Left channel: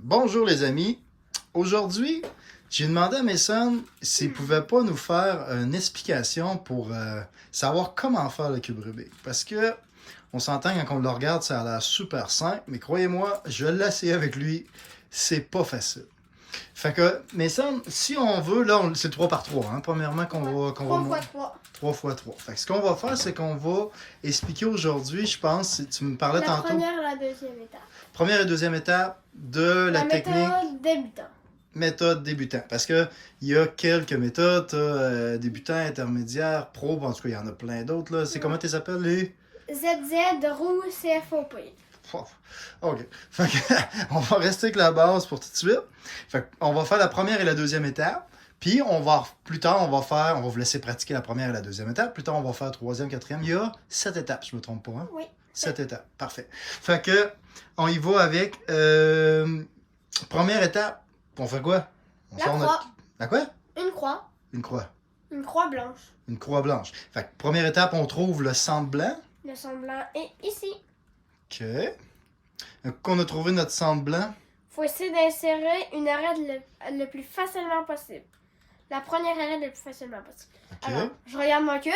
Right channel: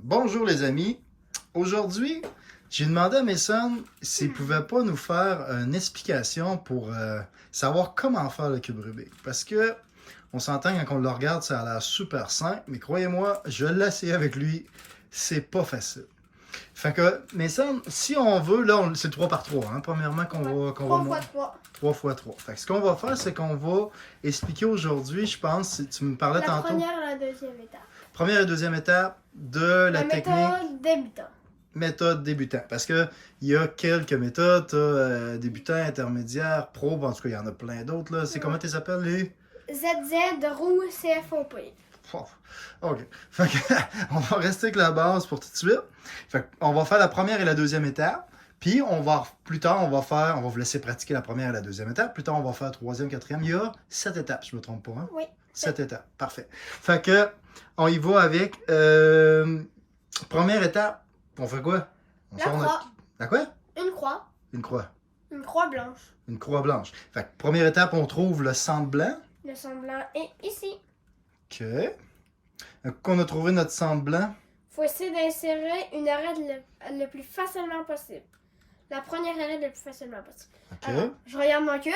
Bonjour les amis. Aujourd'hui, j'ai demandé à Mason s'il pouvait pas nous faire une explication pour savoir comment faire le cube Rubik. Parce que on s'entend quand on le regarde, ça a l'air super simple, mais croyez-moi, je l'ai essayé avec lui, c'est pas facile. Fait que, Mason, si on veut, là, c'est 3 par 3, hein, premièrement qu'on va... 3 fois 3. 3 fois 3. Fait que ce qu'on va faire, c'est qu'on va expliquer aujourd'hui, je pense, tu me parlais La tantôt, première et la deuxième étape. première et deuxième étape de la technique. Méthode débutant. Méthode débutant. Parce que il y a quelques méthodes, débutant, intermédiaire, pro, en tout cas, il y en a plein d'autres. Là. C'est comment tu les appelles, les... ZZ, roue, CFOP. OK. Fait que, on va rester avec la base pour tout de suite. Fait on va faire la première et la deuxième étape. Puis, plus tard, on va vous laisser pratiquer la première et la deuxième étape. Plus tard, on va faire la troisième, quatrième. Il y a 7 étapes, je me trompe pas. Hein? Oui. 7 étapes. Parfait. Fait que, on y va avec première étape. On fait quoi? On La croix. La quoi? Une croix. Une croix. Une croix blanche. Une croix blanche. Fait que, première étape, on trouve le centre blanc. Le semblant est ici. OK. Qu'on a trouvé notre centre blanc. Faut essayer d'insérer une arête le plus facilement possible. La première arête le plus facilement possible. OK. Alors, je regarde mon cube.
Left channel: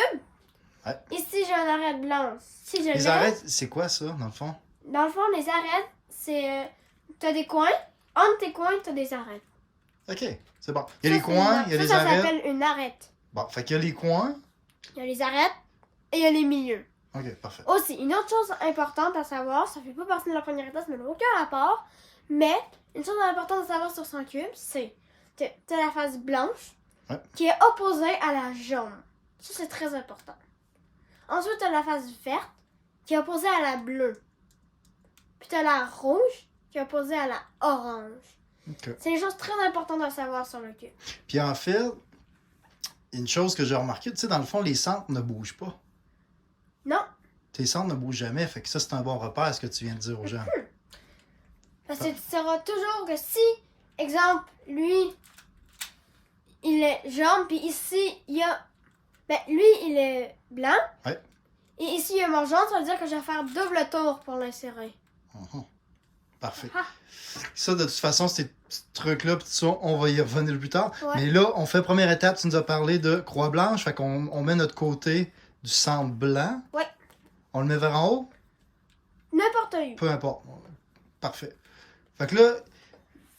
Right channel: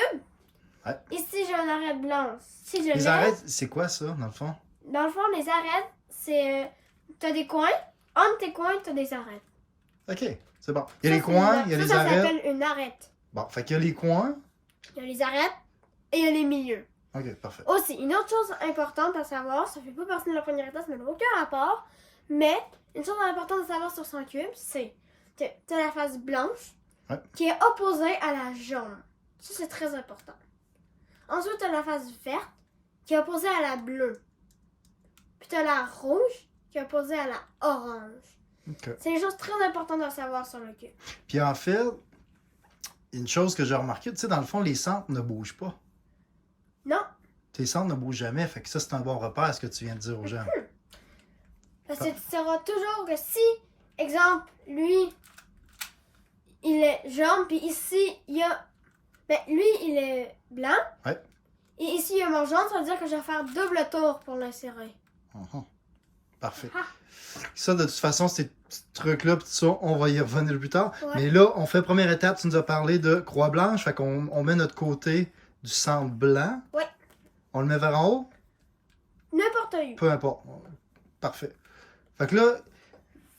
Ouais. Ici, j'ai une arête blanche. Si je Les lève, arêtes, c'est quoi ça, dans le fond? dans le fond, les arêtes, c'est... t'as des coins. Entre tes coins, t'as des arêtes. OK, c'est bon. Il y a les Ça, coins, il y a les ça arêtes. s'appelle une arête. Bon, fait qu'il y a les coins. Il y a les arêtes et il y a les milieux. OK, parfait. Aussi, une autre chose importante à savoir, ça fait pas partie de la première étape, ça n'a aucun rapport, mais une chose importante à savoir sur son cube, c'est que tu as la face blanche qui est opposée à la jaune. Ça, c'est très important. Ensuite, tu as la face verte qui est opposée à la bleue. Puis tu as la rouge qui est opposée à la orange. OK. C'est des choses très importantes à savoir sur le cube. Puis en fait, une chose que j'ai remarqué, tu sais, dans le fond, les centres ne bougent pas. Non, Tes centres ne bougent jamais, fait que ça, c'est un bon repère, ce que tu viens de dire aux gens. parce que tu sauras toujours que si, exemple, lui, il est jaune, puis ici, il y a... Ben, lui, il est blanc. Ouais. Et ici, il y a mon jaune, ça veut dire que je vais faire double tour pour l'insérer. Mhm. Parfait. Ah. Ça, de toute façon, ces petits trucs-là, pis tout ça, on va y revenir plus tard. Ouais. Mais là, on fait première étape, tu nous as parlé de croix blanche, fait qu'on met notre côté du centre blanc. Ouais. On le met vers en haut? N'importe où. Peu importe. Parfait. Fait que là,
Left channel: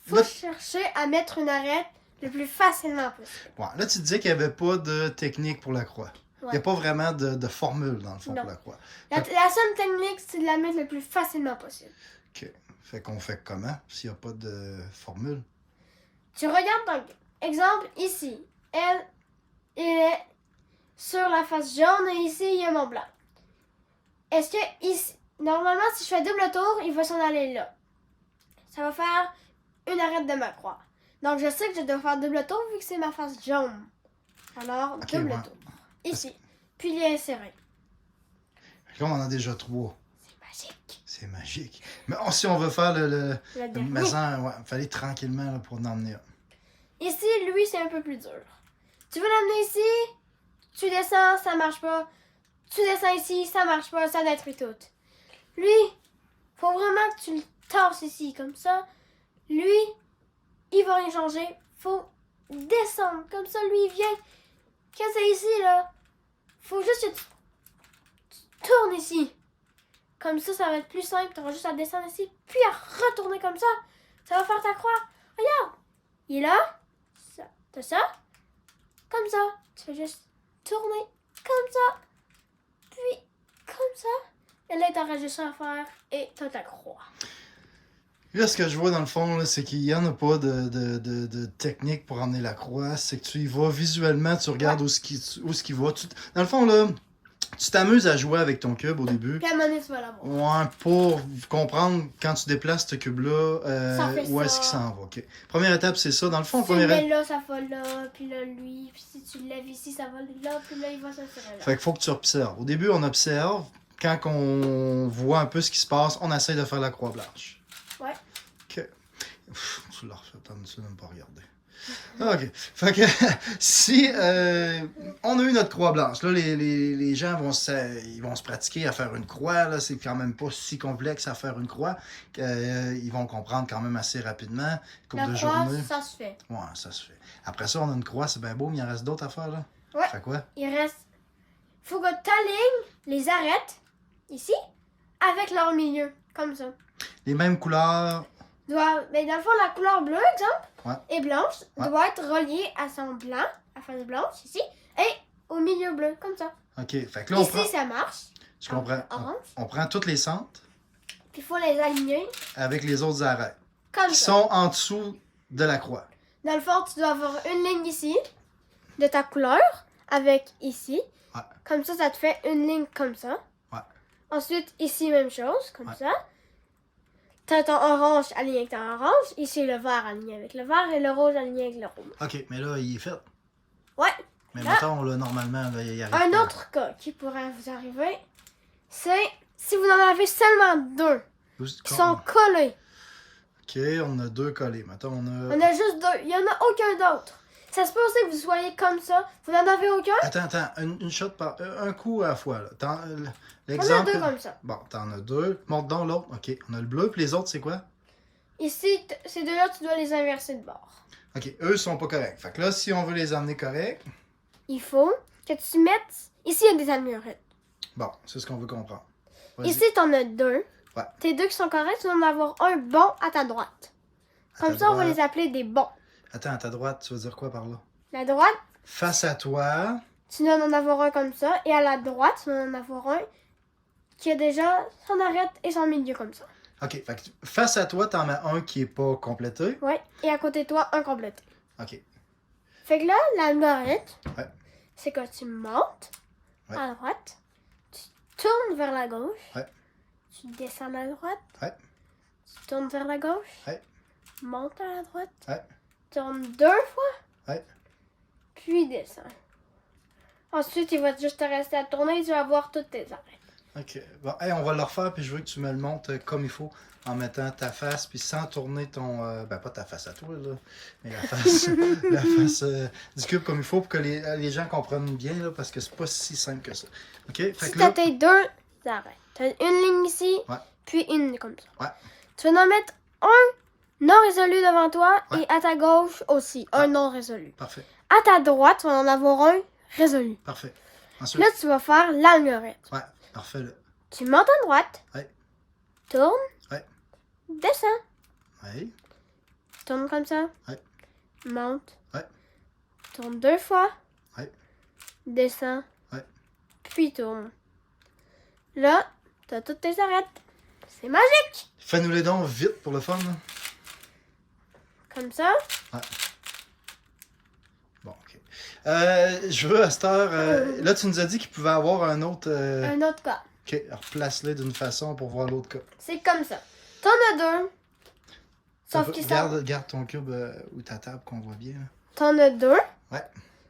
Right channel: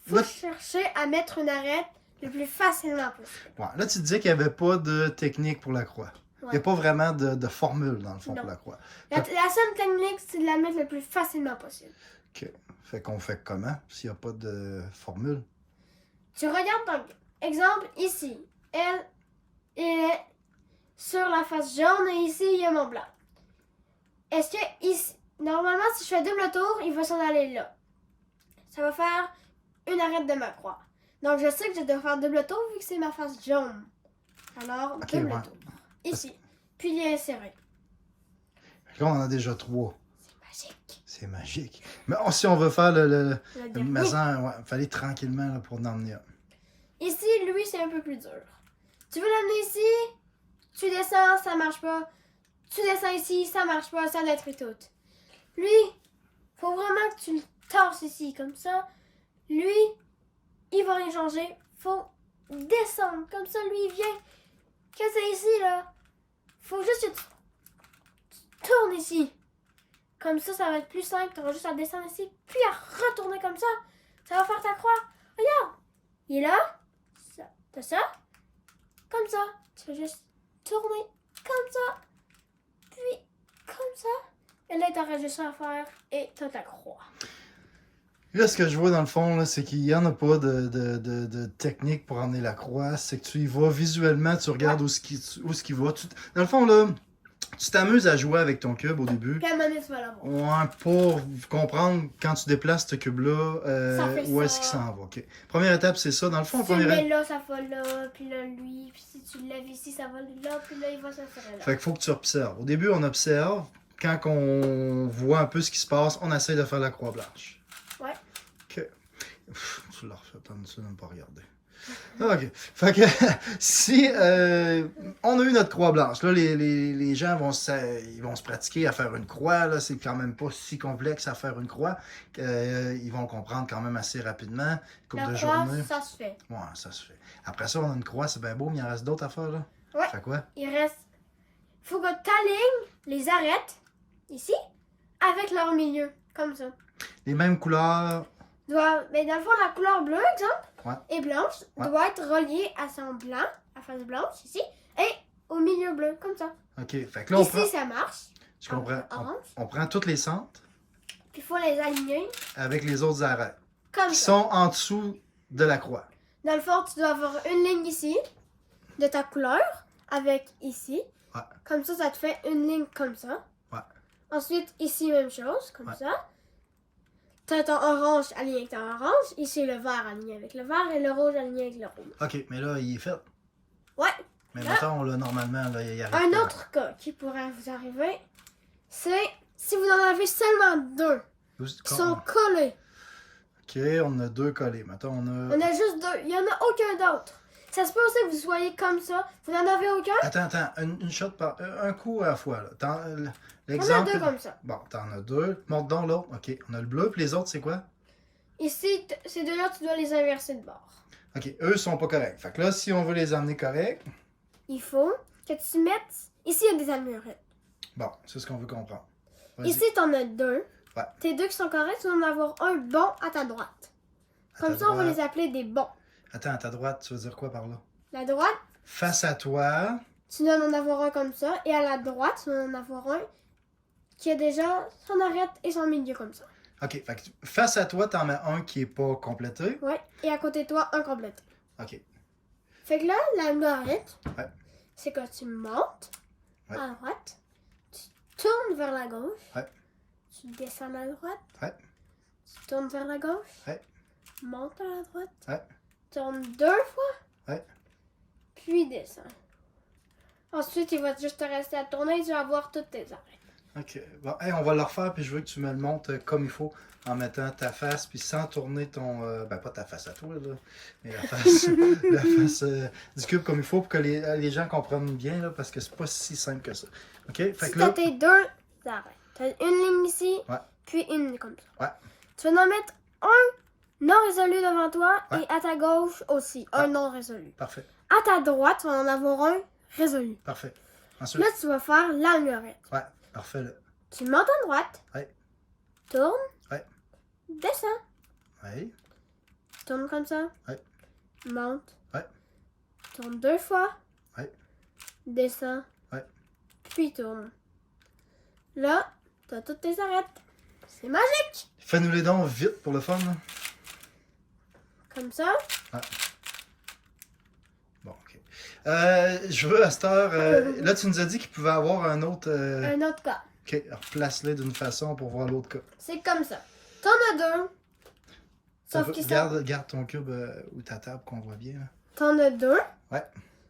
Faut là, chercher à mettre une arête le plus facilement possible. ouais, là tu disais qu'il n'y avait pas de technique pour la croix. Il n'y a Ouais. pas vraiment de formule, dans le fond, Non. pour la croix. La seule technique, c'est de la mettre le plus facilement possible. OK. Fait qu'on fait comment, s'il n'y a pas de formule? Tu regardes ton exemple ici. Elle est sur la face jaune et ici, il y a mon blanc. Est-ce que ici, normalement, si je fais double tour, il va s'en aller là. Ça va faire une arête de ma croix. Donc, je sais que je dois faire double tour vu que c'est ma face jaune. Alors, Ok, double ouais. tour. Ici. Puis, il est inséré. Fait que là, on en a déjà 3. C'est magique. C'est magique. Mais si on veut faire le dernier. maison, ouais, il fallait tranquillement là, pour en emmener un. Ici, lui, c'est un peu plus dur. Tu veux l'amener ici, tu descends, ça marche pas. Tu descends ici, ça marche pas, ça détruit tout. Lui, faut vraiment que tu le tasses ici, comme ça. Lui, il va rien changer. Faut descendre, comme ça, lui, il vient. Quand c'est ici, là, faut juste que tu tournes ici. Comme ça va être plus simple. Tu auras juste à descendre ici, puis à retourner comme ça. Ça va faire ta croix. Regarde, il est là. Ça. T'as ça. Comme ça. Tu fais juste tourner comme ça. Puis comme ça. Et là, t'auras juste à faire et t'as ta croix. Là, ce que je vois dans le fond, là, c'est qu'il n'y en a pas de technique pour emmener la croix. C'est que tu y vas visuellement, tu regardes où ce qui va. Dans le fond, là, tu t'amuses à jouer avec ton cube au début. Puis à un moment donné, tu vas l'avoir. Ouais, pour comprendre quand tu déplaces ce cube-là, Ça fait où ça. est-ce qu'il s'en va. OK. Première étape, c'est ça. Dans le fond, Si tu le première mets là, ça va là. Puis là, lui. Puis si tu le lèves ici, ça va là. Puis là, il va s'insérer là. Fait qu'il faut que tu observes. Au début, on observe. Quand on voit un peu ce qui se passe, on essaye de faire la croix blanche. Ouais. OK. Tu l'as refait, tu n'as même pas regardé. OK. Fait que si on a eu notre croix blanche, là, les gens ils vont se pratiquer à faire une croix. Là, c'est quand même pas si complexe à faire une croix. Ils vont comprendre quand même assez rapidement. Une couple La de croix, journées. ça se fait. Ouais, ça se fait. Après ça, on a une croix, c'est bien beau, mais il en reste d'autres à faire, là. Ouais. Fait quoi? Il reste. Faut que t'alignes les arêtes, ici, avec leur milieu, comme ça. Les mêmes couleurs. Mais dans le fond, la couleur bleue, exemple, Ouais. et blanche, Ouais. doit être reliée à son blanc, à face blanche, ici, et au milieu bleu, comme ça. OK. Fait que là, on Ici, prend. ça marche. Tu comprends? Orange. On prend tous les centres Puis il faut les aligner, avec les autres arêtes comme qui ça. sont en dessous de la croix. Dans le fond, tu dois avoir une ligne ici, de ta couleur, avec ici. Ouais. Comme ça te fait une ligne comme ça. Ouais. Ensuite, ici, même chose, comme Ouais. ça. T'as ton orange aligné avec ton orange. Ici, le vert aligné avec le vert et le rouge aligné avec le rouge. OK, mais là, il est fait. Ouais. Mais Là. mettons, là, normalement, là, il arrive Un pas. autre cas qui pourrait vous arriver, c'est si vous en avez seulement deux qui sont collés. OK, on a deux collés. Mettons, on a... On a juste deux. Il n'y en a aucun d'autre. Ça se peut aussi que vous soyez comme ça. Vous n'en avez aucun? Attends, une shot par... Un coup à la fois, là. On a L'exemple... deux comme ça. Bon, t'en as deux. Montre donc l'autre. OK, on a le bleu, puis les autres, c'est quoi? Ici, ces deux-là, tu dois les inverser de bord. OK, eux sont pas corrects. Fait que là, si on veut les amener corrects, Il faut que tu mettes... Ici, il y a des allurettes. bon, c'est ce qu'on veut comprendre. Vas-y. Ici, tu en as deux. Ouais. Tes deux qui sont corrects, tu vas en avoir un bon à ta droite. À Comme ta ça, on va droite. les appeler des bons. Attends, à ta droite, tu veux dire quoi par là? La droite, Face à toi. tu dois en avoir un comme ça. Et à la droite, tu dois en avoir un qui a déjà son arête et son milieu comme ça. OK, fait que face à toi, t'en mets un qui est pas complété. Ouais. Et à côté de toi, un complété. OK. Fait que là, l'algorithme, Ouais. c'est que tu montes Ouais. à droite, tu tournes vers la gauche, Ouais. tu descends à droite, Ouais. tu tournes vers la gauche, Ouais. monte à la droite, Ouais. tourne deux fois, Ouais. puis descends. Ensuite, il va juste te rester à tourner et tu vas voir toutes tes arêtes. OK. Bon, hey, on va le refaire, puis je veux que tu me le montres comme il faut, en mettant ta face, puis sans tourner ton... ben, pas ta face à toi, là, mais la face, la face du cube comme il faut, pour que les gens comprennent bien, là, parce que c'est pas si simple que ça. OK? Fait Si que t'as là... tes deux arêtes, t'as une ligne ici, Ouais. puis une comme ça. Ouais. Tu vas en mettre un non résolu devant toi Ouais. et à ta gauche aussi, un Ouais. non résolu. Parfait. À ta droite, tu vas en avoir un résolu. Parfait. Ensuite... Là, tu vas faire l'algorithme. Ouais. Parfait, là. Tu montes à droite. Ouais. Tourne. Ouais. Descends. Ouais. Tourne comme ça. Ouais. Monte. Ouais. Tourne deux fois. Ouais. Descends. Ouais. Puis tourne. Là, t'as toutes tes arêtes. C'est magique. Fais-nous les dons vite pour le fun, là. Comme ça. Bon, OK. Je veux, à cette heure... là, tu nous as dit qu'il pouvait avoir un autre... Un autre cas. OK, replace-les d'une façon pour voir l'autre cas. C'est comme ça. T'en as deux. Sauf qu'ils sont... Garde ton cube ou ta table qu'on voit bien. Là. T'en as deux. Ouais.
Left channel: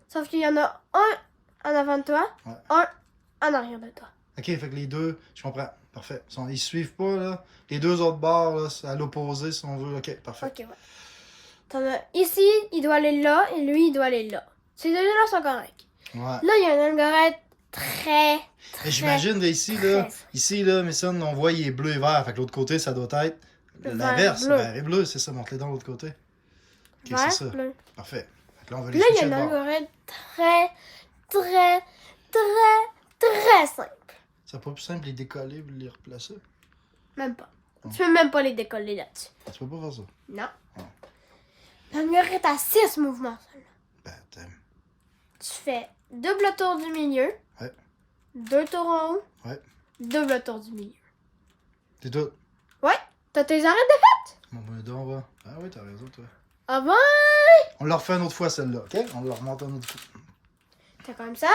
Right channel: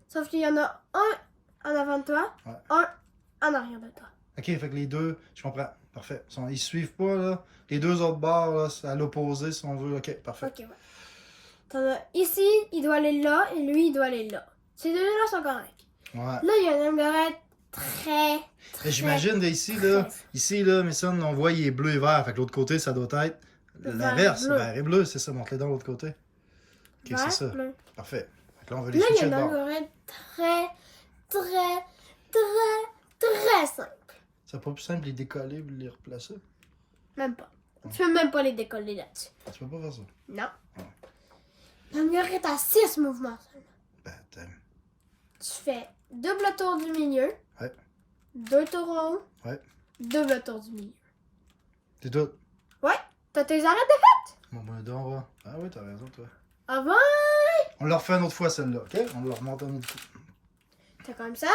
Sauf qu'il y en a un en avant de toi. Ouais. Un en arrière de toi. OK, fait que les deux, je comprends. Parfait. Ils suivent pas, là. Les deux autres bords, là, c'est à l'opposé, si on veut. OK, parfait. Ok, ouais. T'en as... Ici, il doit aller là et lui, il doit aller là. Ces deux-là sont corrects. Ouais. Là, il y a un algorithme très... Mais j'imagine, là, très... ici, là, Mason, on voit, il est bleu et vert. Fait que l'autre côté, ça doit être l'inverse. bleu. Vert et bleu, c'est ça. Montre-les dans l'autre côté. OK, vert, c'est ça. bleu. Parfait. Fait que là, on va les Là, il y switcher a de un bord. algorithme très simple. C'est pas plus simple de les décoller et de les replacer? Même pas. Tu peux même pas les décoller là-dessus. Tu peux pas faire ça. Non. L'algorithme a 6 mouvements seulement. Ben, attends. Tu fais double tour du milieu. Ouais. 2 tours en haut. Ouais. Double tour du milieu. T'es tout. Ouais. T'as tes arrêts de... Bon, ben, donc, va. Ah oui, t'as raison, toi. Ah ouais. On la refait une autre fois, celle-là, OK? On la remonte une autre fois. T'as comme ça.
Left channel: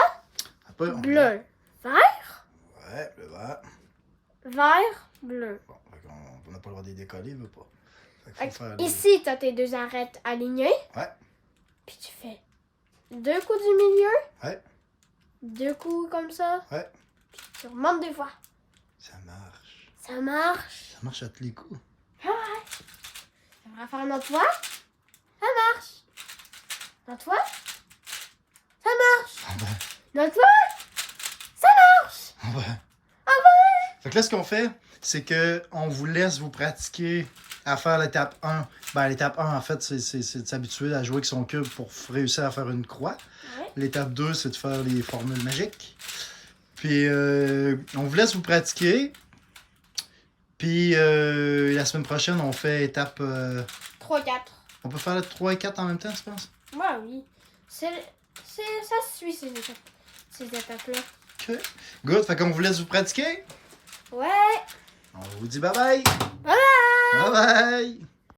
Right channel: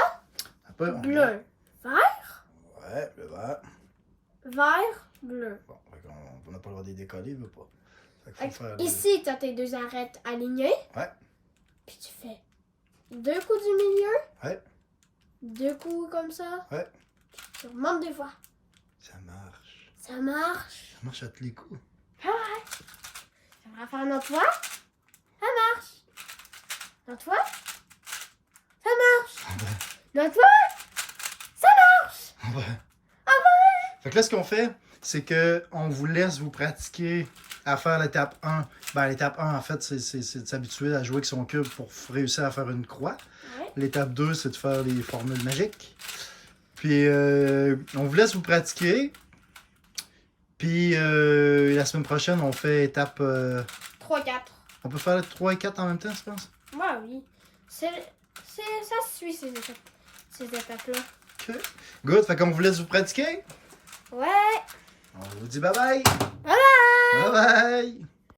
Après, on... Bleu. Vert. Ouais, le vert. Vert. Bleu. Bon, fait qu'on n'a pas le droit de les décoller, il veut pas. Fait qu'il faut faire Ici, t'as tes deux arêtes alignées. Ouais. Puis tu fais 2 coups du milieu. Ouais. 2 coups comme ça. Ouais. Puis tu remontes 2 fois. Ça marche. Ça marche. Ça marche à tous les coups. Ah ouais. Ça va faire une autre fois. Ça marche. Notre fois, ça marche. Ah ben, Notre fois, ça marche. ah ben. Ah ouais. Fait que là, ce qu'on fait, c'est que on vous laisse vous pratiquer à faire l'étape 1. Ben, l'étape 1, en fait, c'est de s'habituer à jouer avec son cube pour réussir à faire une croix. Ouais. L'étape 2, c'est de faire les formules magiques. Puis, on vous laisse vous pratiquer. Puis, la semaine prochaine, on fait étape... 3-4. on peut faire les 3 et 4 en même temps, tu penses? Ouais, oui. Ça se suit ces étapes-là. OK. Good. Fait qu'on vous laisse vous pratiquer. Ouais. On vous dit bye-bye. Bye bye. Bye-bye.